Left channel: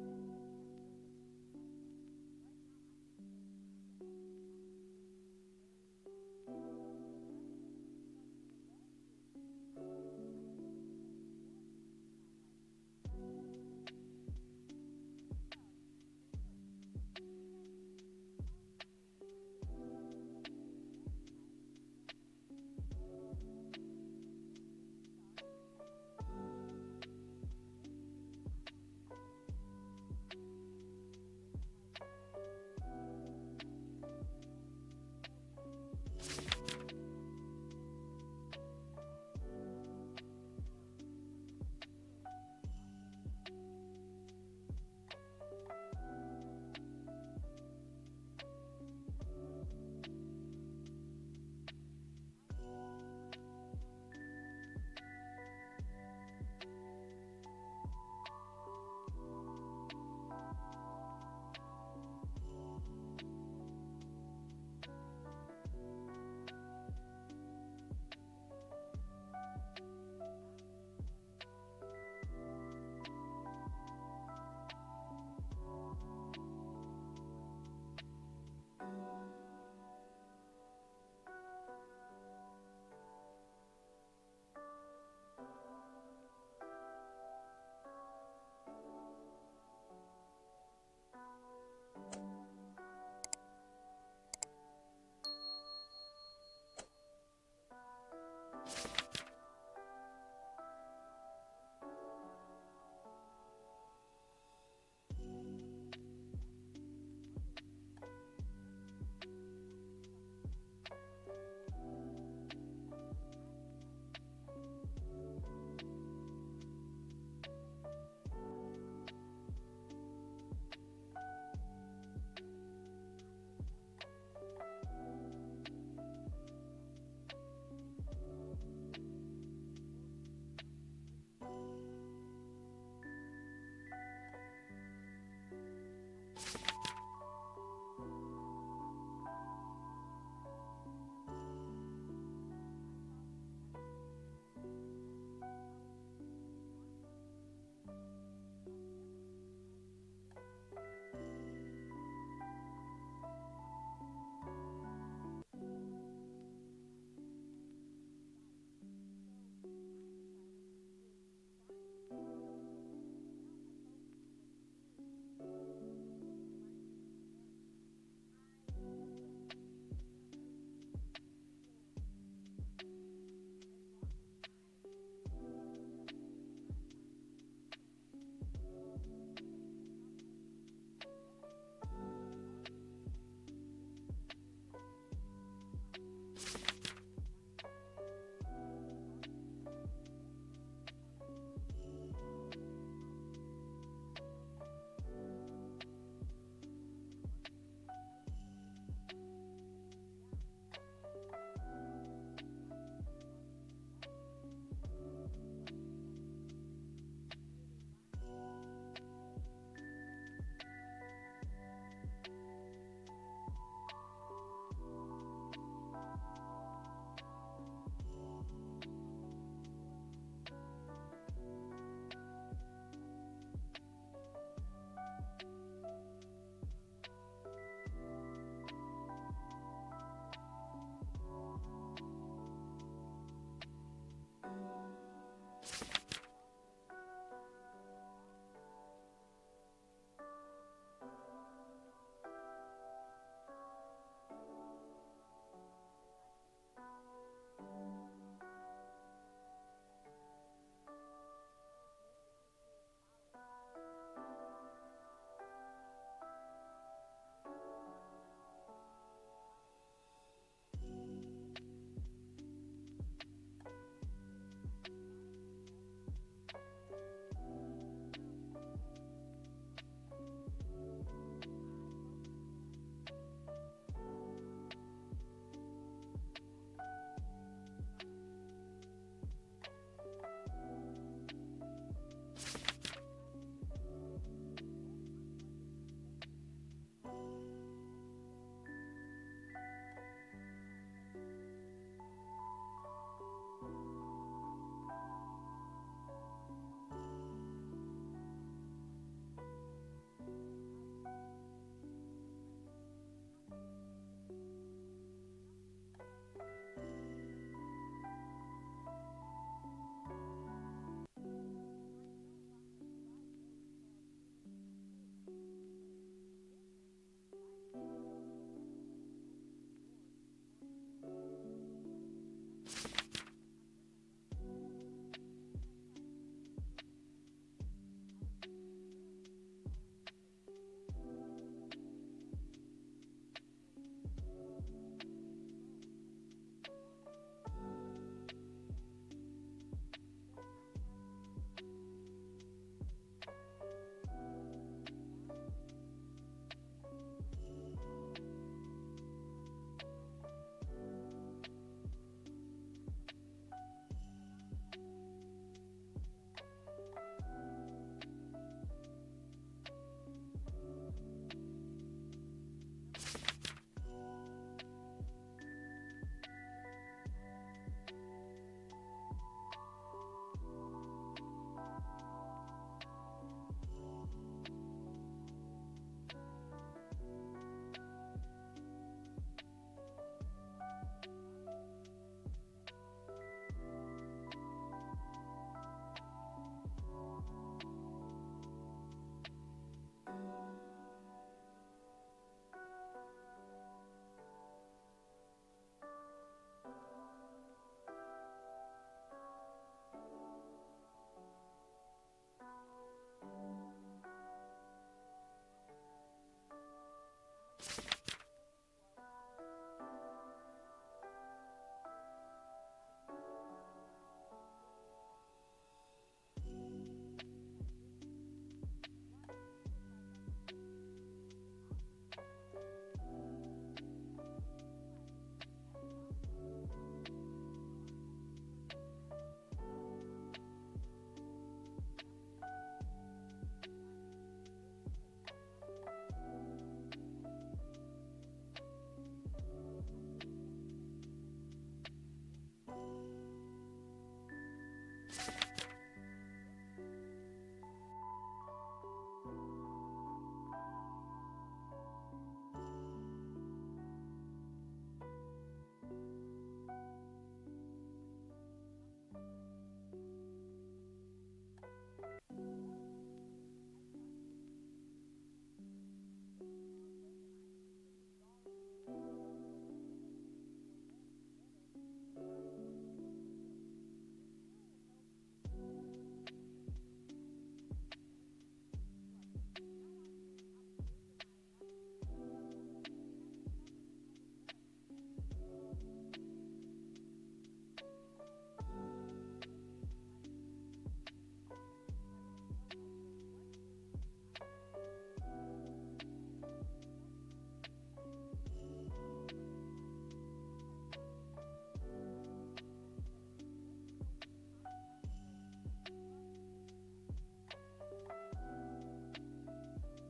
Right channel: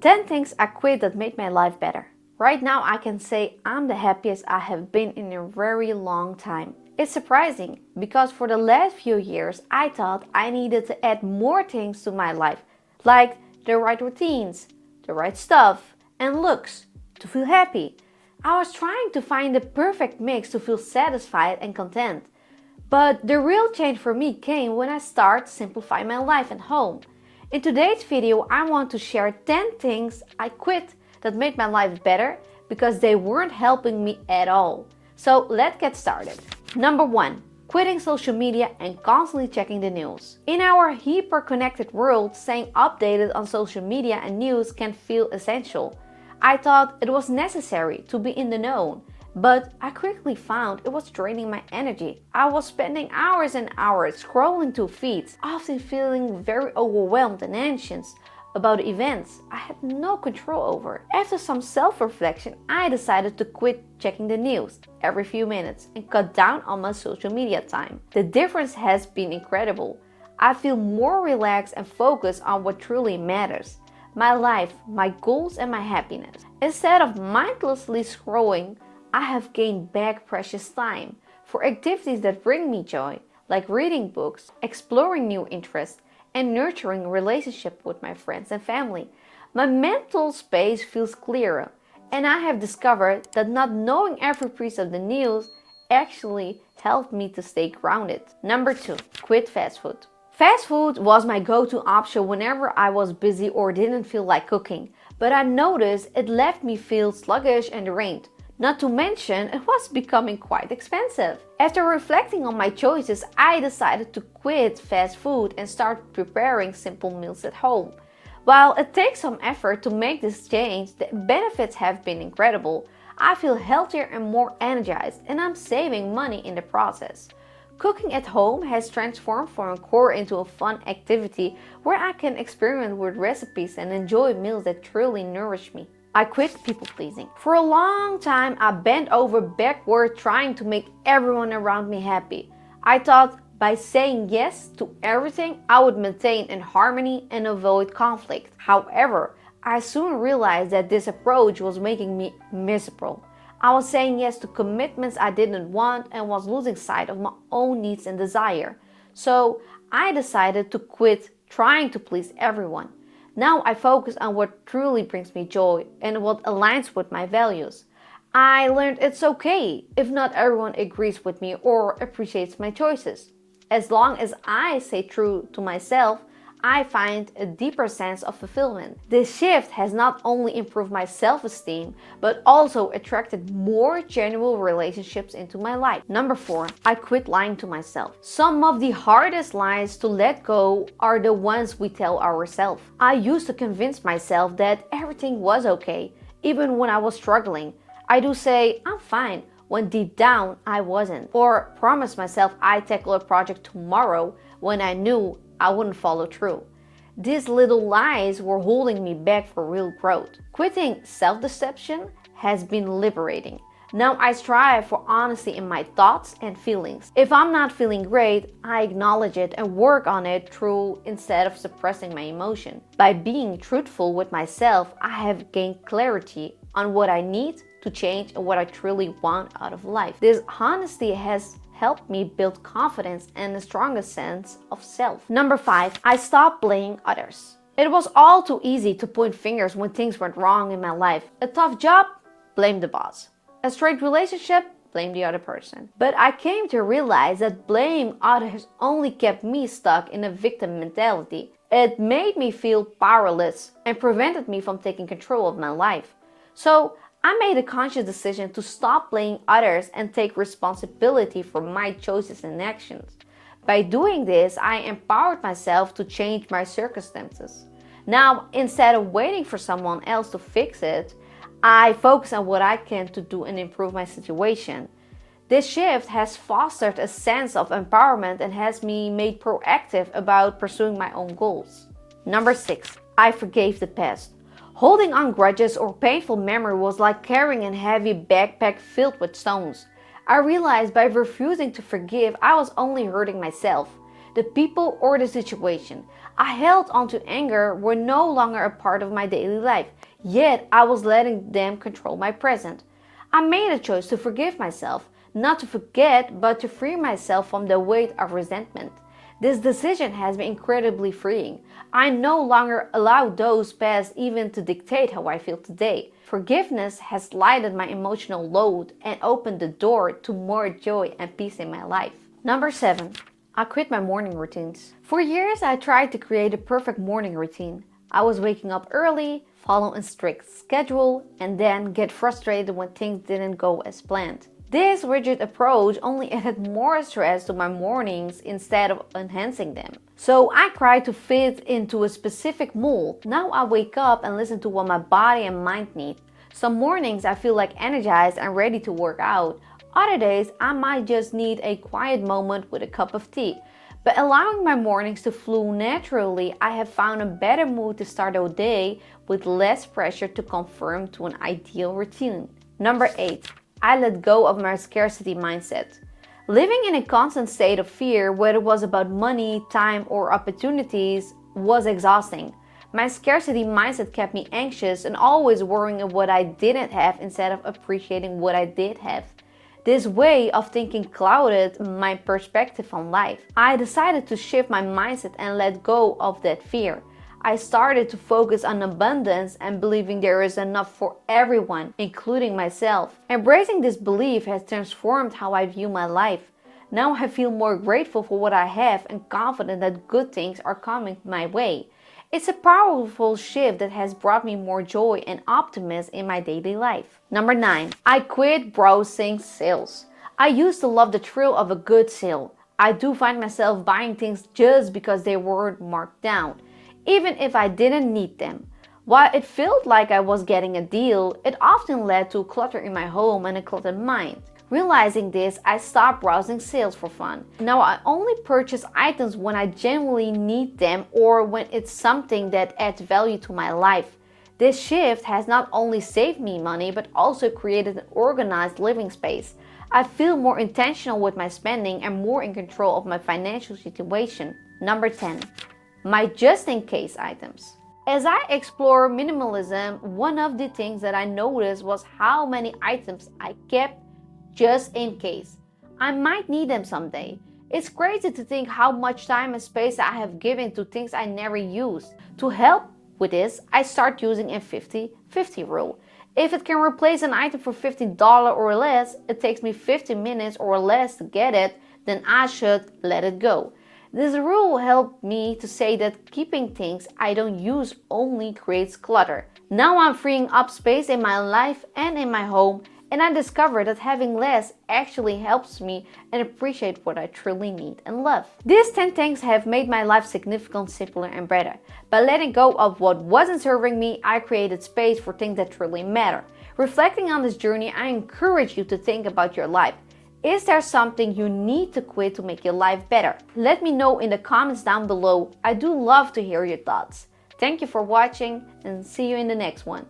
10 things I quit that made my life better. Right now I can say I'm the happiest I have been in a very long time. It's surprising because for the last few years I thought I needed to add more things to my life, like the right routines, the right stuff, and looks to feel happy. I was trying to find the perfect mix to feel satisfied and content. But the real change for me came when I started simplifying my life at home. In today's video, I want to share 10 things I quit that made my life better because they weren't helping me at all. So let's get started. Number 1. Quitting social media and constantly checking the news. In our hyper-connected world, staying updated on social media and news can feel essential. I thought it was necessary to be in the know, but I quickly found it was draining my energy. I was spending hours and hours scrolling through feeds, often feeling very overwhelmed and anxious about events I had no control over. After some self-reflection, I decided to quit checking the news every few minutes and cut down on my social media time. The difference has been incredible. I feel more relaxed and focused on what truly matters: my life, my goals, and my happiness. Instead of mindlessly scrolling, I have gained back precious time for activities that bring me joy, like reading books, exploring new interests, and nurturing relationships with my friends and family. My mental space feels clearer, and I have discovered that not knowing every piece of the news actually helped me to stay grounded. Number 2. Quit fast food. Fast food was my go-to option whenever I was busy or didn't feel like cooking, but I noticed it left me feel sluggish and drained. Not to mention, it was becoming quite expensive. After reflecting on my choices, I decided to quit fast food and start preparing simple meals at home. While it takes some effort to make this change, the benefits have been incredible. I feel healthier and more energized, and I'm saving money in the process. Cooking at home has transformed from a chore into a fun activity where I can experiment with recipes and enjoy meals that truly nourish me. I quit people pleasing. For a long time, I bent over backward trying to make everyone around me happy. I thought by saying yes to everything, I would maintain in harmony and avoid conflict. However, I soon realized that this approach was making me miserable. I was saying yes to commitments I didn't want and was losing sight of my own needs and desire. So I decided to quit trying to please everyone. Now I focus on what truly brings me joy and what aligns with my values. I learned it's okay if not everyone agrees with me or appreciates my choices. As long as I stay true to myself, I find a deeper sense of fulfillment. This shift has not only improved my self-esteem, but also attracted more genuine relationships into my life. Number 4, I quit lying to myself. Some of the hardest lies to let go are the ones we tell ourselves. I used to convince myself that everything was okay, even when I was struggling. I do say, I'm fine, when deep down I wasn't. Or promise myself I'd tackle a project tomorrow when I knew I wouldn't follow through. These little lies were holding me back for real growth. Quitting self-deception has been liberating. Now I strive for honesty in my thoughts and feelings. If I'm not feeling great, I acknowledge it and work on it through instead of suppressing my emotion. By being truthful with myself, I have gained clarity on what I need to change and what I truly want out of life. This honesty has helped me build confidence and a stronger sense of self. Number 5, I stopped blaming others. It was all too easy to point fingers when things went wrong in my life. A tough job? Blame the boss. A strained relationship? Blame the other person. But I came to realize that blaming others only kept me stuck in a victim mentality. It made me feel powerless and prevented me from taking control of my life. So I made a conscious decision to stop blaming others and take responsibility for my choices and actions. By doing this, I empowered myself to change my circumstances. Now, instead of waiting for someone else to fix it, I focus on what I can to do and improve my situation. This shift has fostered a sense of empowerment and has me made proactive about pursuing my own goals. Number 6, I forgave the past. Holding on grudges or painful memory was like carrying a heavy backpack filled with stones. I realized by refusing to forgive, I was only hurting myself, the people or the situation. I held onto anger were no longer a part of my daily life, yet I was letting them control my present. I made a choice to forgive myself, not to forget, but to free myself from the weight of resentment. This decision has been incredibly freeing. I no longer allow those past even to dictate how I feel today. Forgiveness has lightened my emotional load and opened the door to more joy and peace in my life. Number 7. I quit my morning routines. For years, I tried to create a perfect morning routine. I was waking up early, follow a strict schedule, and then get frustrated when things didn't go as planned. This rigid approach only added more stress to my mornings instead of enhancing them. So I tried to fit into a specific mold. Now I wake up and listen to what my body and mind need. Some mornings I feel like energized and ready to work out. Other days I might just need a quiet moment with a cup of tea. By allowing my mornings to flow naturally, I have found a better mood to start the day with less pressure to conform to an ideal routine. Number 8. I let go of my scarcity mindset. Living in a constant state of fear, whether it was about money, time, or opportunities, was exhausting. My scarcity mindset kept me anxious and always worrying of what I didn't have instead of appreciating what I did have. This way of thinking clouded my perspective on life. I decided to shift my mindset and let go of that fear. I started to focus on abundance and believing there is enough for everyone, including myself. Embracing this belief has transformed how I view my life. Now I feel more grateful for what I have and confident that good things are coming my way. It's a powerful shift that has brought me more joy and optimism in my daily life. Number 9. I quit browsing sales. I used to love the thrill of a good sale. I do find myself buying things just because they were marked down, even if I didn't need them. While it felt like I was getting a deal, it often led to clutter in my home and a cluttered mind. Realizing this, I stopped browsing sales for fun. Now I only purchase items when I genuinely need them or when it's something that adds value to my life. This shift has not only saved me money but also created an organized living space. I feel more intentional with my spending and more in control of my financial situation. Number 10. My just-in-case items. As I explore minimalism, one of the things that I noticed was how many items I kept just in case. I might need them someday. It's crazy to think how much time and space I have given to things I never use. To help with this, I start using a 50-50 rule. If it can replace an item for $50 or less, it takes me 50 minutes or less to get it, then I should let it go. This rule helped me to say that keeping things I don't use only creates clutter. Now I'm freeing up space in my life and in my home, and I discovered that having less actually helps me and appreciate what I truly need and love. These 10 things have made my life significantly simpler and better. By letting go of what wasn't serving me, I created space for things that truly matter. Reflecting on this journey, I encourage you to think about your life. Is there something you need to quit to make your life better? Let me know in the comments down below. I do love to hear your thoughts. Thank you for watching and see you in the next one.